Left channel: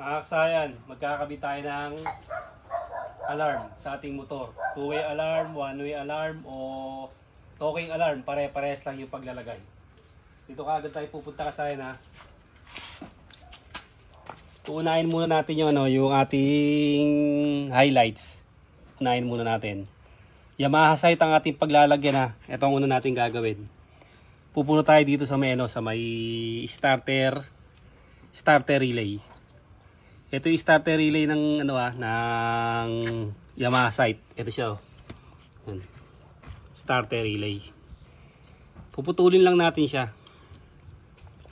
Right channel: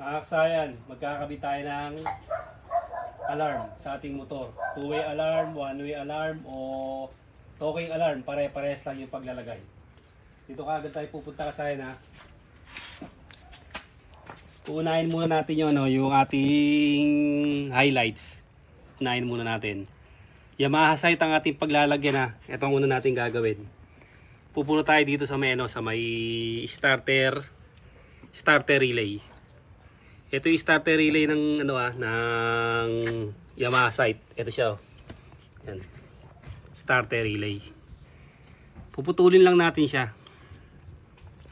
Makaksayan, magkakabit tayo ng alarm sa ating motor. Two-way alarm, one-way alarm, o talking alarm. Pare-pares lang yung paglalagay. Dito kaagad tayo pupunta kasayan ha. Uunahin muna natin yung, yung ating highlights. Unahin muna natin. Yamaha sight ang ating paglalagyan ha. Ito ang una natin gagawin. Pupunta tayo dito sa may, sa may starter relay. Ito yung starter relay ng ng Yamaha sight. Ito siya. Yan. Starter relay. Puputulin lang natin siya.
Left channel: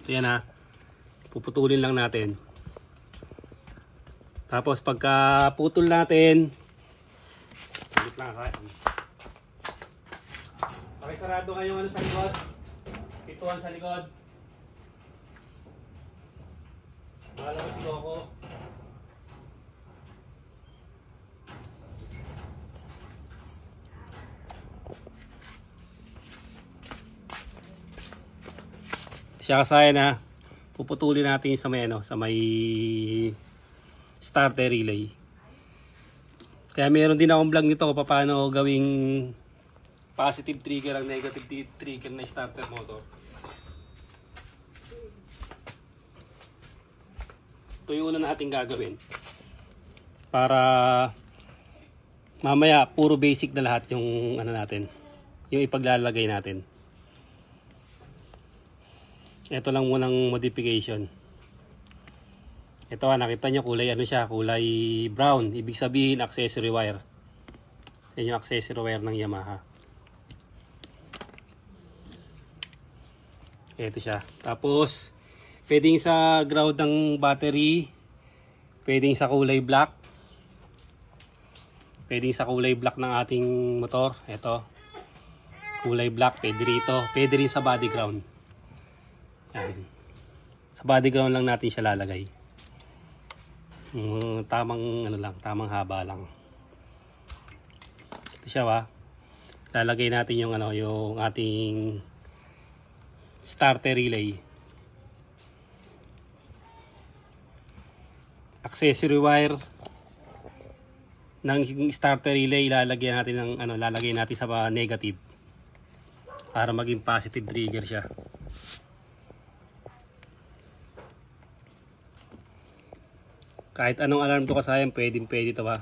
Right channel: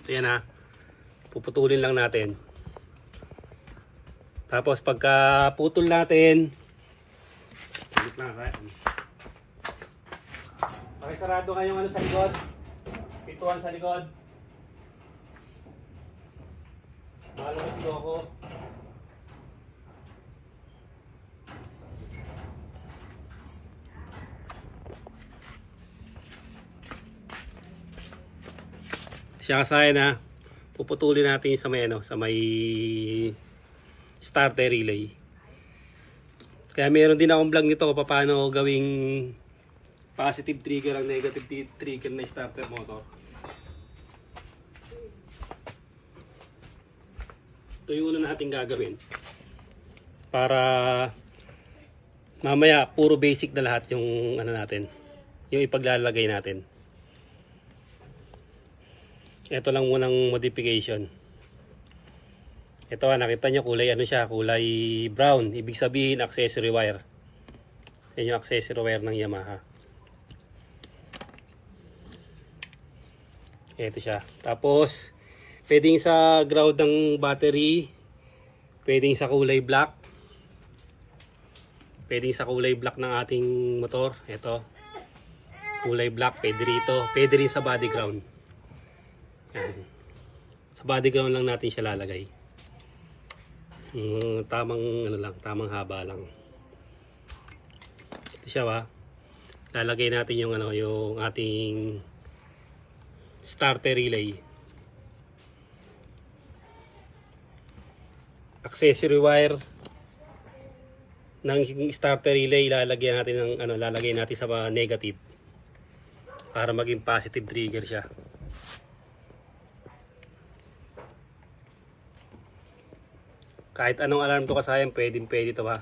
Ito yan ha. Puputulin lang natin. Tapos pagka putol natin, pakisarado kayong sa likod. Pituan sa likod. Makalabas ko ako. Siya kasaya na puputulin natin sa may sa may starter relay. Kaya meron din akong vlog nito kung paano gawing positive trigger ang negative trigger na starter motor. Ito yung una natin gagawin para mamaya puro basic na lahat yung natin, yung ipaglalagay natin. Ito lang munang modification. Ito nakita nyo kulay siya, kulay brown. Ibig sabihin accessory wire. Yan yung accessory wire ng Yamaha. Ito siya. Tapos pwedeng sa ground ng battery, pwedeng sa kulay black. Pwedeng sa kulay black ng ating motor. Ito. Kulay black, pwede rito. Pwede rin sa body ground. Yan. Sa body ground lang natin siya lalagay. Tamang tamang haba lang. Ito siya ba? Lalagay natin yung yung ating starter relay. Accessory wire ng starter relay lalagyan natin ng lalagay natin sa negative para maging positive trigger siya. Kahit anong alarm to kasayan, pwede ito ba?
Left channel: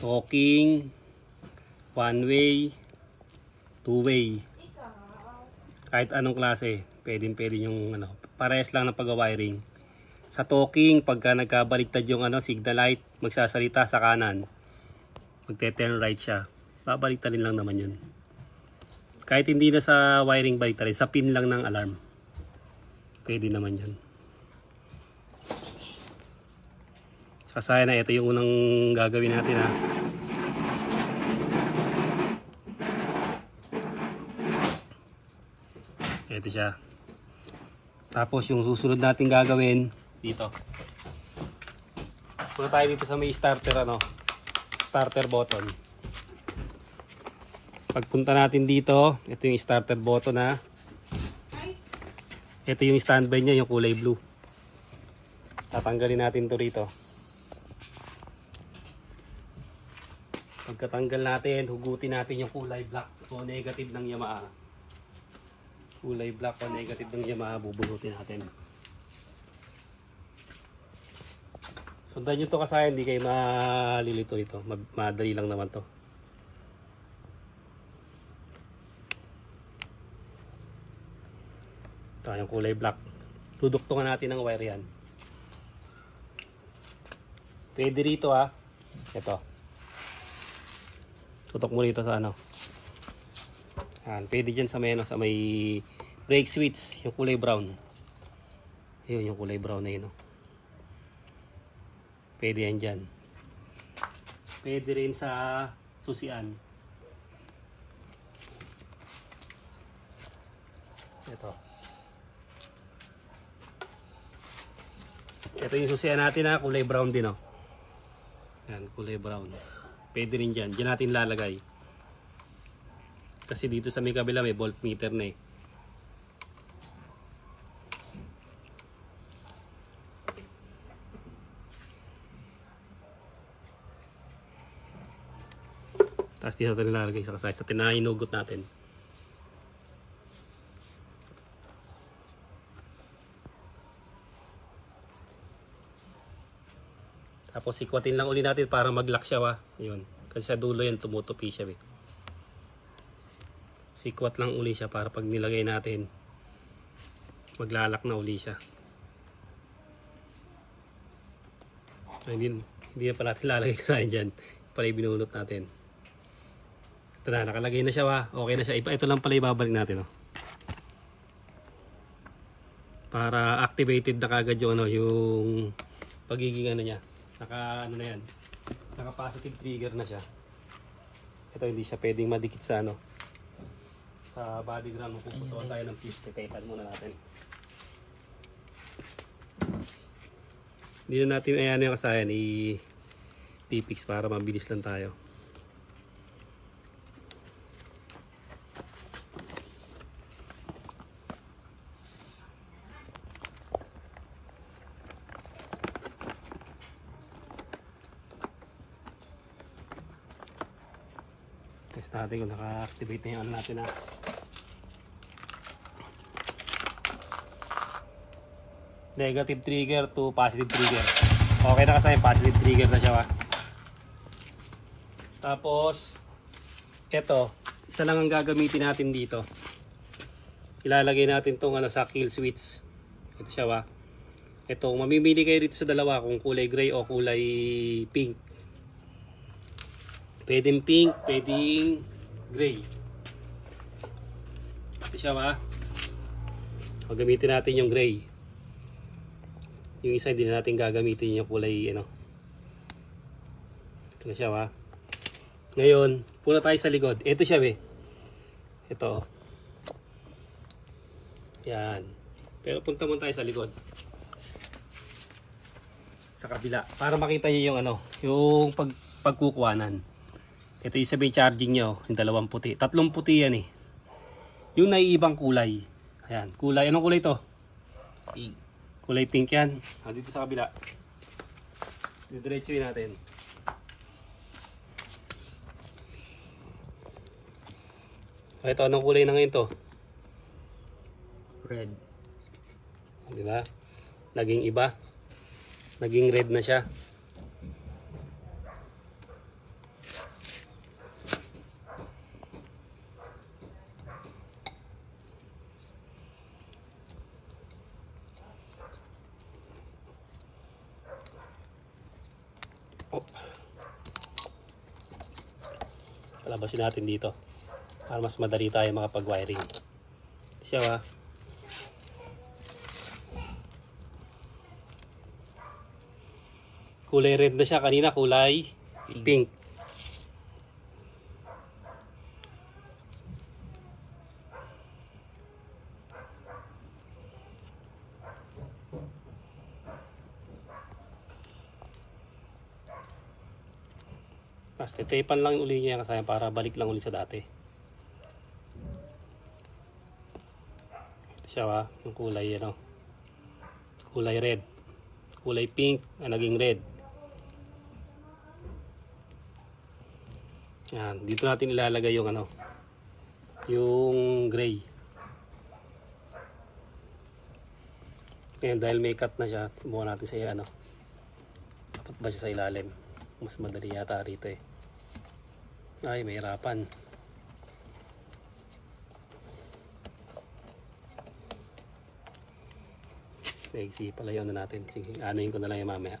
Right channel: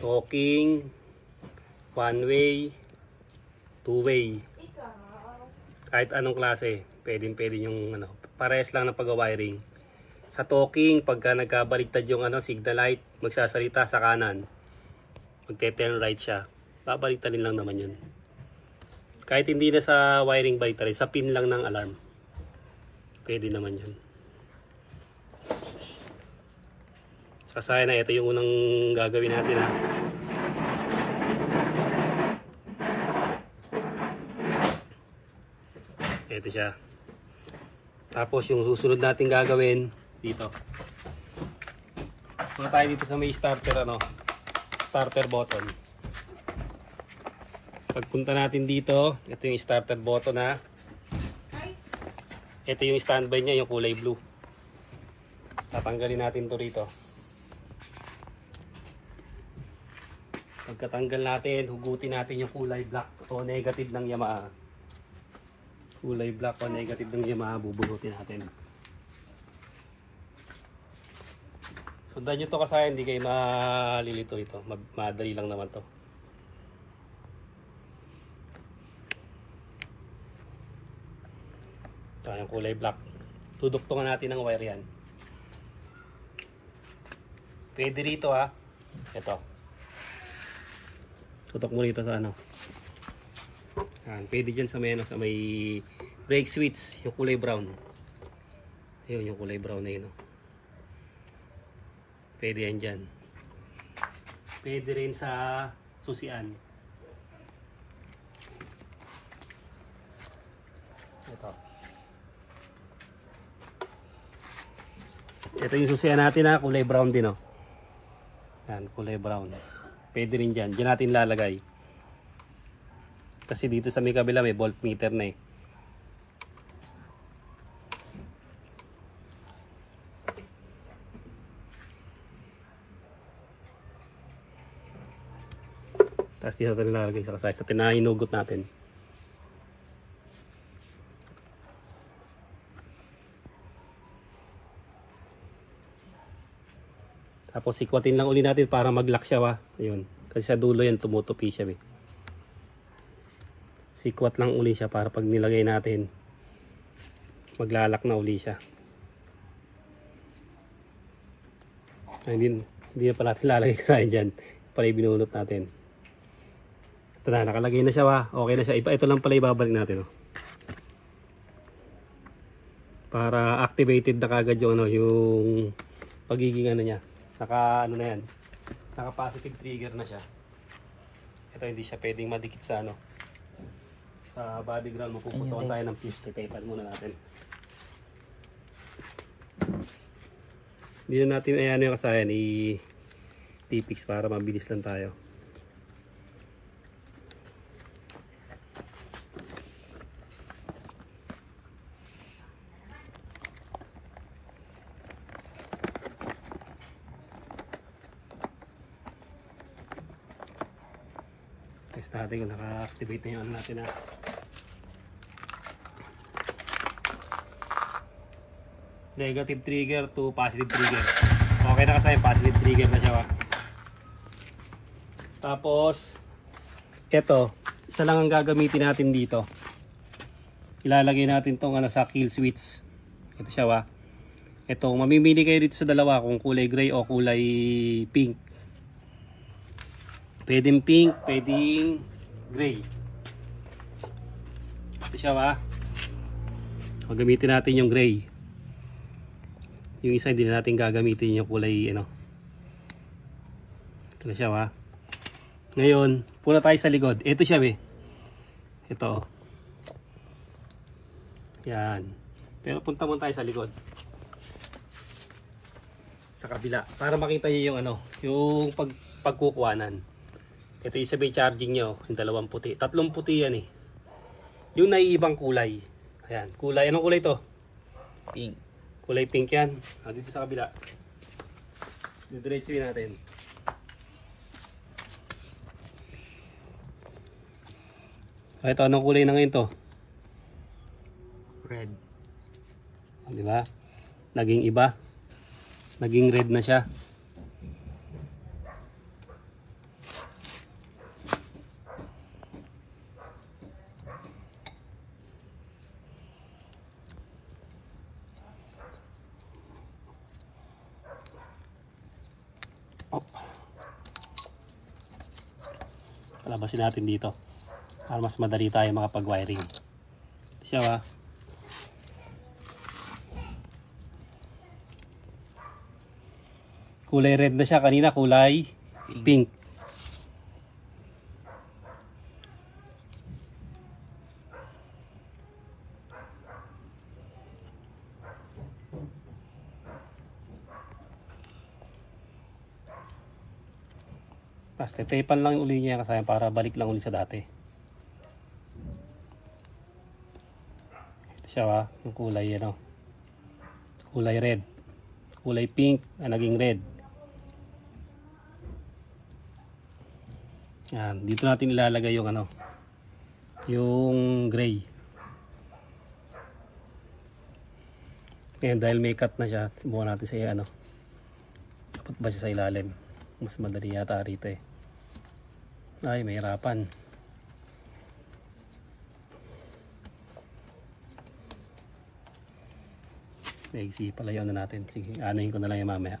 Talking, one way, two way. Kahit anong klase, pwede yung parehas lang ng pag-wiring. Sa talking, pagka nagkabaliktad yung signal light, magsasalita sa kanan, magte-turn right siya. Babaliktadin lang naman yun. Kahit hindi na sa wiring baliktarin, sa pin lang ng alarm, pwede naman yun. Kasaya na, ito yung unang gagawin natin ha. Ito siya. Tapos yung susunod natin gagawin dito. Punta tayo dito sa may starter starter button. Pagpunta natin dito, ito yung starter button ha. Ito yung standby niya, yung kulay blue. Tatanggalin natin to rito. Pagkatanggal natin, hugutin natin yung kulay black o negative ng Yamaha. Kulay black o negative ng Yamaha, bubunutin natin. Sundan nyo to kasi hindi kayo malilito ito. Madali lang naman to. Ito yung kulay black. Tuduktungan natin ng wire yan. Pwede rito ha. Ito. Tutok mo rito sa pwede dyan sa may brake switch, yung kulay brown. Yun, yung kulay brown na yun. Pwede yan dyan. Pwede rin sa susian. Ito. Ito yung susian natin ha, kulay brown din Yan, kulay brown. Pwede rin dyan. Diyan natin lalagay. Kasi dito sa may kabila may voltmeter na Tapos dito natin nilalagay sa kasay. Sa tinahinugot natin. Tapos sikwatin lang uli natin para mag-lock siya ba. Ayun. Kasi sa dulo yan tumutupi siya. Sikwat lang uli siya para pag nilagay natin maglalak na uli siya. Ay, hindi na pala natin lalagay sa dyan. Pala binunot natin. Ito na, nakalagay na siya ba. Okay na siya. Ito lang pala ibabalik natin. Oh. Para activated na kagad yung, yung pagiging niya. Naka na yan. Naka positive trigger na siya. Ito hindi siya pwedeng madikit sa sa body ground. Mapuputukan tayo ng piece. Titaypan muna natin. Hindi na natin ayan yung kasayan i-fix para mabilis lang tayo. Test natin kung naka-activate na yung natin na. Negative trigger to positive trigger. Okay na kasi positive trigger na siya. Tapos ito, isa lang ang gagamitin natin dito. Ilalagay natin tong sa kill switch. Ito siya. Ito, mamimili kayo dito sa dalawa kung kulay gray o kulay pink. Pwedeng pink, pwedeng gray. Ito siya. Magamitin natin yung gray. Yung isa hindi na natin gagamitin yung kulay ito siya Ngayon, puna tayo sa likod. Ito siya Ito. Yan. Pero punta muna tayo sa likod. Sa kabila. Para makita niyo yung yung pagkukuhanan. Ito yung sabi charging nyo. Yung dalawang puti. Tatlong puti yan Yung naiibang kulay. Ayan. Kulay. Anong kulay to? Pink. Kulay pink yan. Dito sa kabila. Didiretso natin. Ito, anong kulay na ngayon to? Red. Diba? Naging iba. Naging red na siya. Labasin natin dito para mas madali tayo makapag-wiring. Siya kulay red na siya, kanina kulay pink. Basta tapan lang uli niya kasi para balik lang uli sa dati. Ito siya yung kulay kulay red. Kulay pink na naging red. Yan, dito natin ilalagay yung yung gray. Ngayon dahil may cut na siya, subukan natin sa dapat ba siya sa ilalim? Mas madali yata rito Ay, mahirapan. Sige, pala yun natin. Sige, anuhin ko na lang yung mamaya.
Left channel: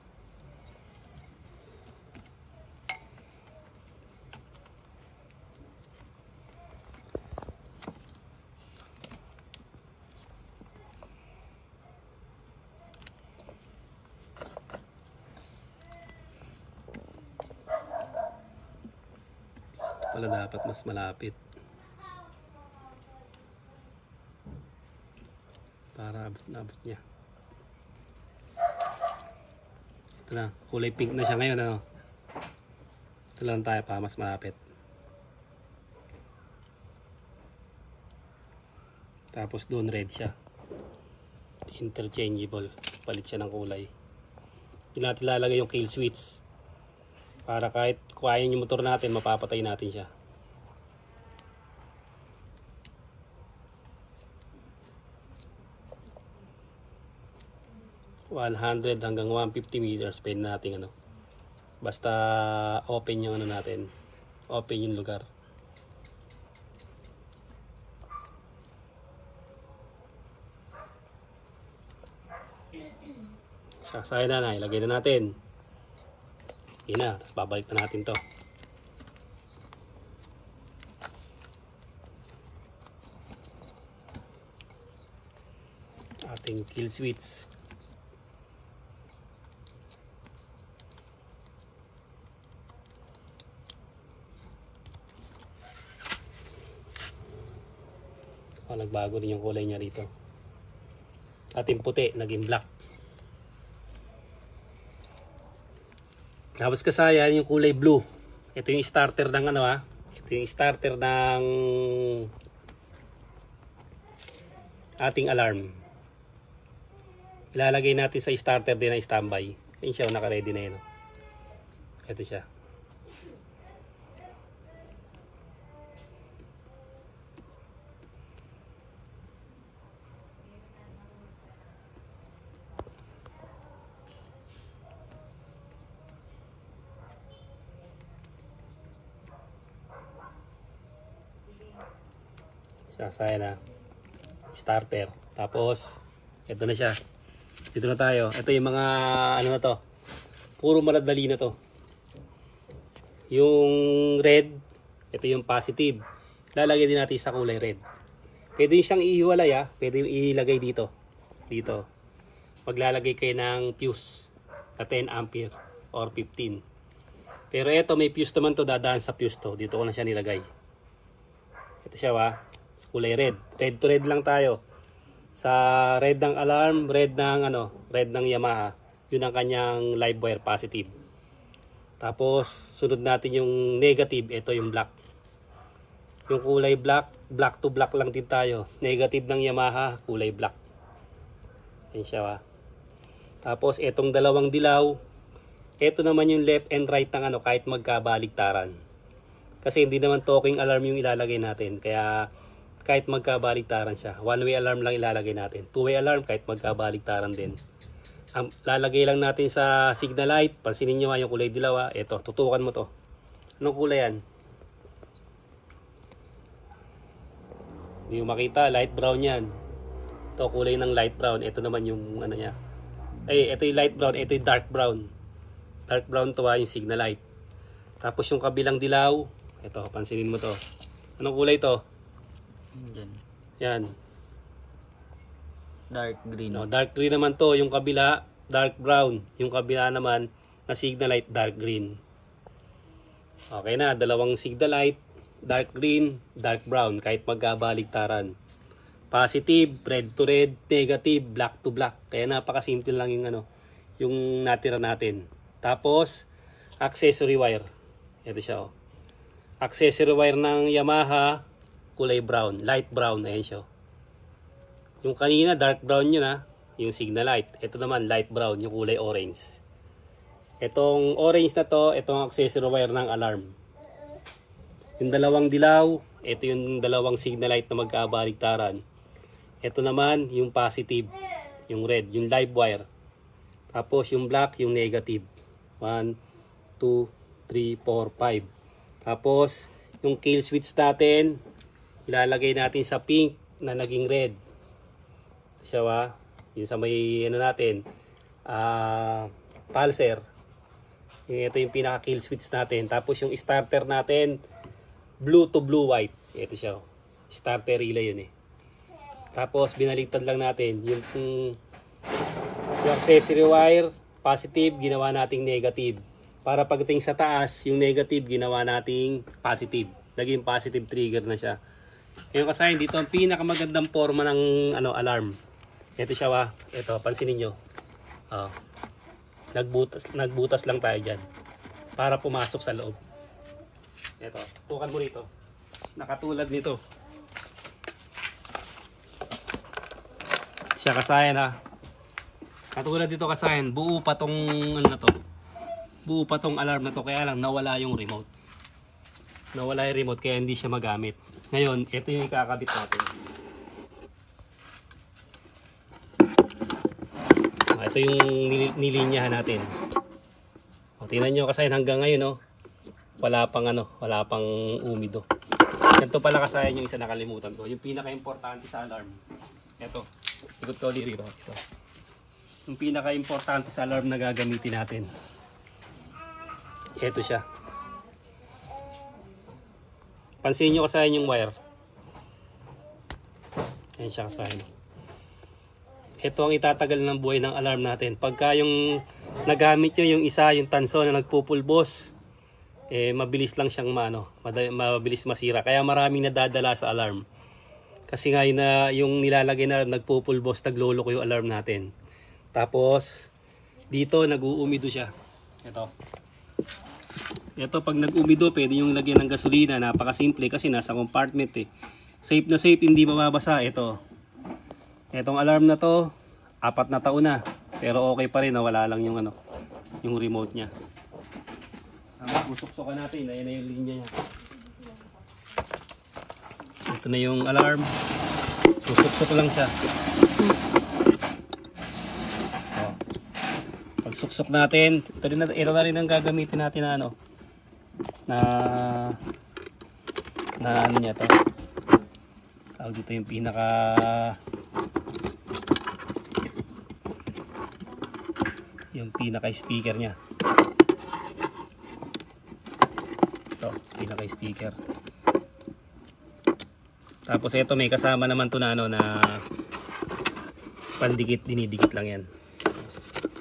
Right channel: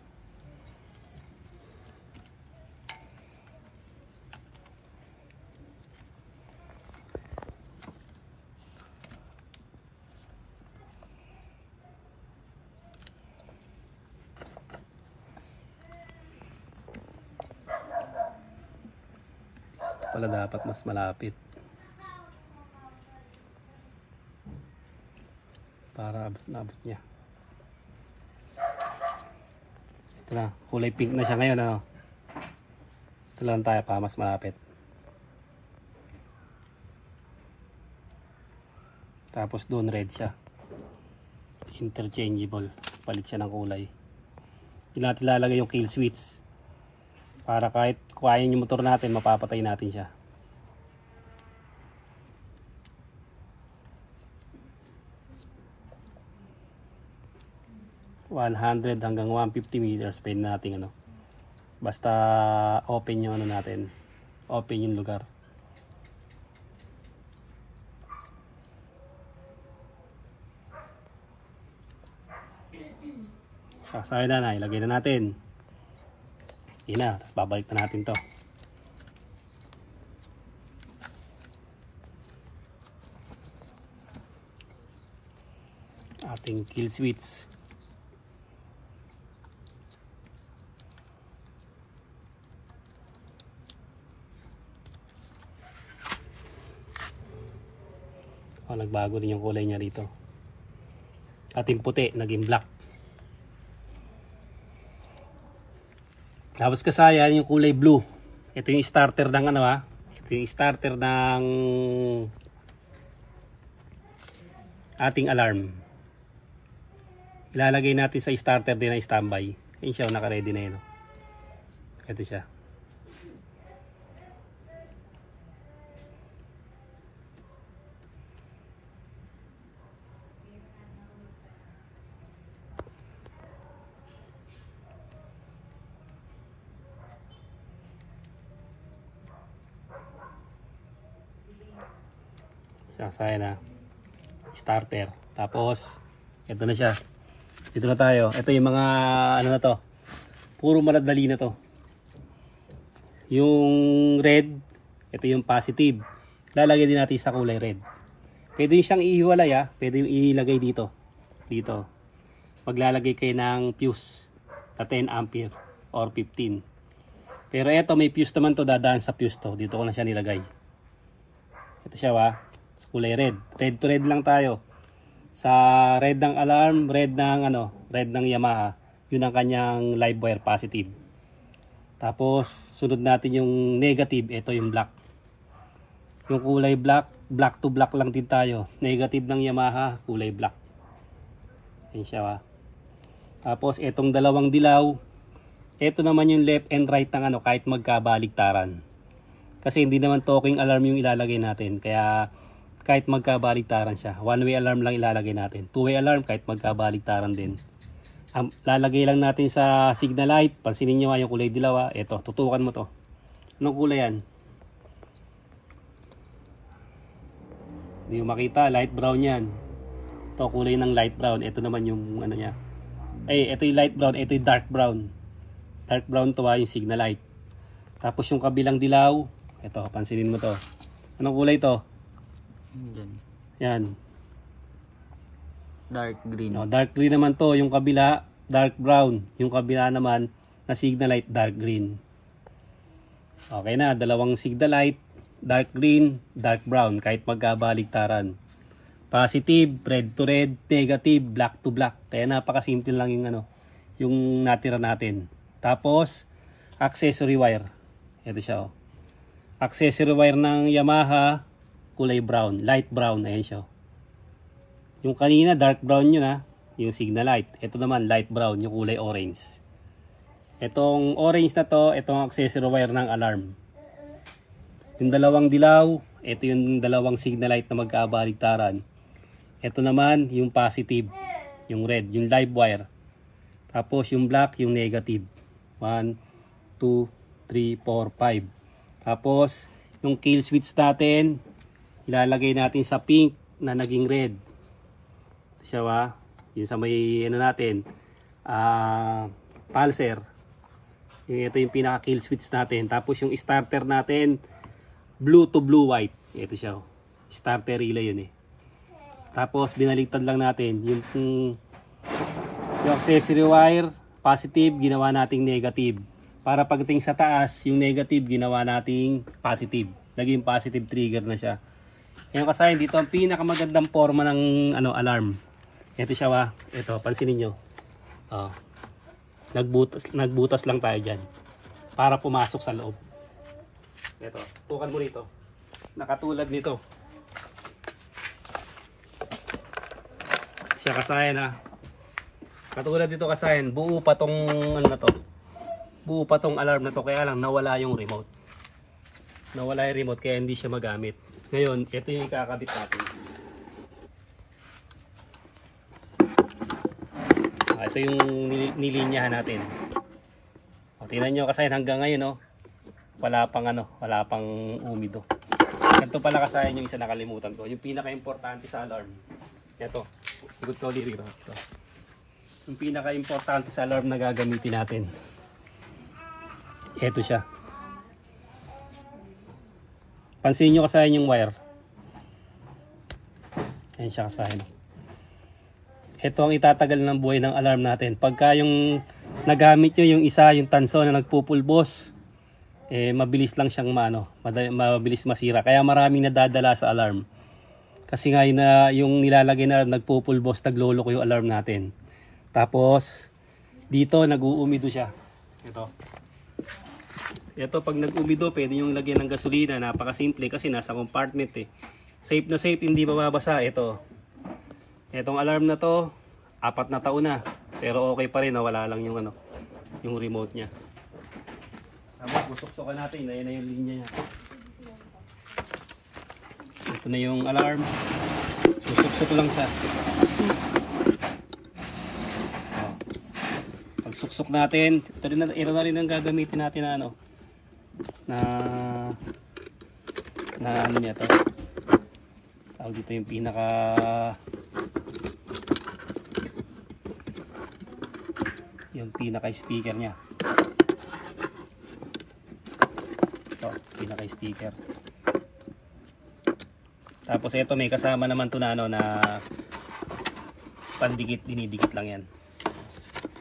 Pala dapat mas malapit para abot niya. Ito na, kulay pink na siya ngayon ito lang tayo pa mas malapit. Tapos doon red siya, interchangeable, palit siya ng kulay. Doon natin lalagay yung kill switch para kahit kuhain yung motor natin, mapapatay natin siya. 100 hanggang 150 meters pwede natin ano. Basta open yung ano natin. Open yung lugar. Sasaya na, ilagay na natin. Yun na, tapos babalik na natin to. Ating kill switch. Nagbago din yung kulay niya rito. Ating puti, naging black. Tapos kasayan yung kulay blue. Ito yung starter ng ano ha. Ito yung starter ng ating alarm. Ilalagay natin sa starter din na standby. Ayun siya, naka-ready na yun. Ito siya. Saya na starter. Tapos ito na siya. Dito na tayo. Ito yung mga ano na to. Puro maladali na to. Yung red, ito yung positive. Lalagay din natin sa kulay red. Pwede siyang ihiwalay ha. Pwede ilagay dito. Dito. Maglalagay kayo ng fuse na 10 ampere or 15. Pero ito may fuse naman to, dadaan sa fuse to. Dito ko na siya nilagay. Ito siya ha. Kulay red. Red to red lang tayo. Sa red ng alarm, red ng ano, red ng Yamaha. Yun ang kanyang live wire positive. Tapos sunod natin yung negative, ito yung black. Yung kulay black, black to black lang din tayo. Negative ng Yamaha, kulay black. Yan siya ha. Tapos itong dalawang dilaw, ito naman yung left and right ng ano, kahit magkabaligtaran. Kasi hindi naman talking alarm yung ilalagay natin. Kaya kahit magkabaligtaran siya, one way alarm lang ilalagay natin. Two way alarm kahit magkabaligtaran din. Lalagay lang natin sa signal light. Pansinin nyo yung kulay dilaw. Ito, tutukan mo to. Anong kulay yan? Hindi mo makita, light brown yan. Ito kulay ng light brown. Ito naman yung ano niya. Ito yung light brown, ito yung dark brown. Dark brown to yung signal light. Tapos yung kabilang dilaw, ito, pansinin mo to. Anong kulay to? Yan. Dark green. No, dark green naman to. Yung kabila, dark brown. Yung kabila naman, na signal light, dark green. Okay na, dalawang signal light, dark green, dark brown. Kahit magkabaligtaran. Positive, red to red, negative, black to black. Kaya napakasimple lang yung ano, yung natira natin. Tapos, accessory wire. Ito siya oh. Accessory wire ng Yamaha, kulay brown, light brown, ayan siya. Yung kanina dark brown yun ha, yung signal light. Ito naman light brown, yung kulay orange. Itong orange na to, itong accessory wire ng alarm. Yung dalawang dilaw, ito yung dalawang signal light na magkabaligtaran. Ito naman yung positive, yung red, yung live wire. Tapos yung black, yung negative. 1, 2, 3, 4, 5. Tapos yung kill switch natin, ilalagay natin sa pink na naging red. Siya ba? Yung sa may ano natin, pulser. Ito yung pinaka kill switch natin. Tapos yung starter natin, blue to blue white. Ito siya. Starter relay yun eh. Tapos binaliktad lang natin yung accessory wire, positive, ginawa nating negative. Para pagdating sa taas, yung negative ginawa nating positive. Naging positive trigger na siya. Ngayon kasi dito ang pinakamagandang forma ng ano, alarm. Ito siya ba? Ito, pansinin nyo. Nagbutas lang tayo dyan. Para pumasok sa loob. Ito, tukan mo rito. Nakatulad nito. Siya kasayan ha. Katulad dito kasayan, buo pa tong ano na to. Buo pa tong alarm na to, kaya lang nawala yung remote. Nawala yung remote kaya hindi siya magamit. Ngayon, ito yung ikakabit natin. Ito yung nilinyahan natin. O, tingnan nyo kasayan hanggang ngayon, no? Wala pang umido. Ganito pala kasayan yung isa nakalimutan ko. Yung pinaka-importante sa alarm. Ito. Ikot ko dito. Ito. Yung pinaka-importante sa alarm na gagamitin natin. Ito siya. Pansin nyo kasayan yung wire. Ayan siya kasayan. Ito ang itatagal ng buhay ng alarm natin. Pagka yung nagamit nyo yung isa, yung tanso na nagpupulbos, mabilis lang siyang mabilis masira. Kaya maraming nadadala sa alarm. Kasi nga yung nilalagay na nagpupulbos, nagloloko yung alarm natin. Tapos, dito nag-uumido siya. Ito pag nag-umido, pwede yung lagyan ng gasolina. Napakasimple kasi nasa compartment eh. Safe na safe, hindi mababasa. Itong alarm na to, 4 na taon na. Pero okay pa rin, wala lang yung yung remote niya. Susuksukan natin, ayan na yung linya niya. Ito na yung alarm. Susuksok lang siya. Pag suksok natin, ito na rin ang gagamitin natin na ano niya to. Tawag dito yung pinaka speaker niya. Ito, pinaka speaker. Tapos ito may kasama naman to na pandikit, dinidikit lang yan.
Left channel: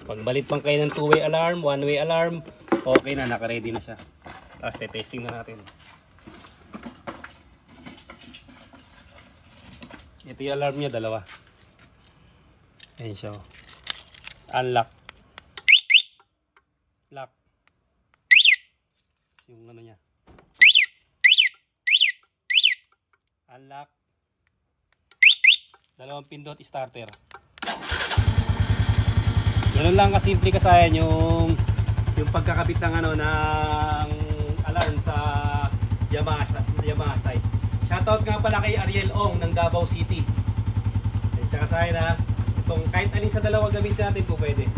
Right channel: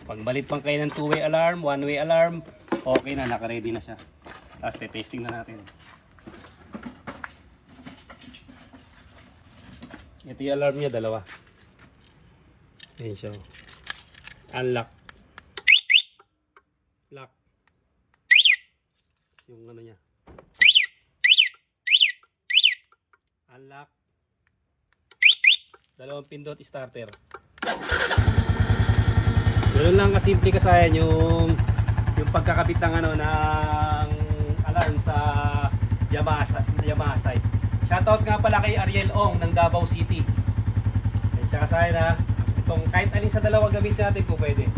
Pag balit pang kayo ng 2-way alarm, 1-way alarm, okay na, naka-ready na siya. Tapos testing na natin. Ito yung alarm niya, dalawa. Ayan siya. Unlock. Lock. Yung niya. Unlock. Dalawang pindot starter. Ganun lang kasimple kasayan yung pagkakabit ng ng alarm sa Yamaha site. Shoutout nga pala kay Ariel Ong ng Davao City. Ayun siya kasayan ha. Itong kahit alin sa dalawa gamitin natin kung pwede.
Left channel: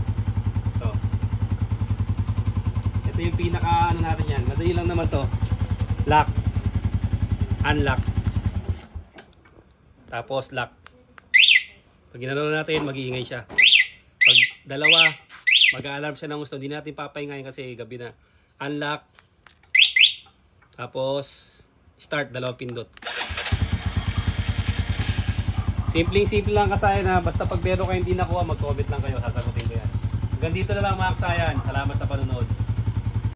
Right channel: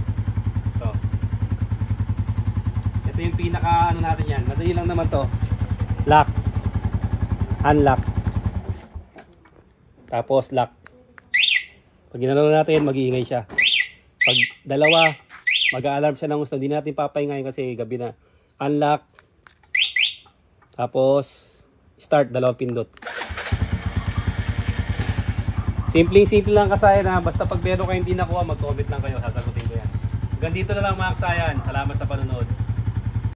Ito yung pinaka natin yan. Madali lang naman to. Lock. Unlock. Tapos lock. Pag ginano natin, mag-iingay siya. Pag dalawa, mag-a-alarm siya ng gusto. Hindi natin papahingayin kasi gabi na. Unlock. Tapos start, dalawang pindot. Simple lang kasayan ha. Basta pag meron kayo hindi nakuha, mag-comment lang kayo. Sasagutin ko yan. Hanggang dito na lang mga kasayan. Salamat sa panunod.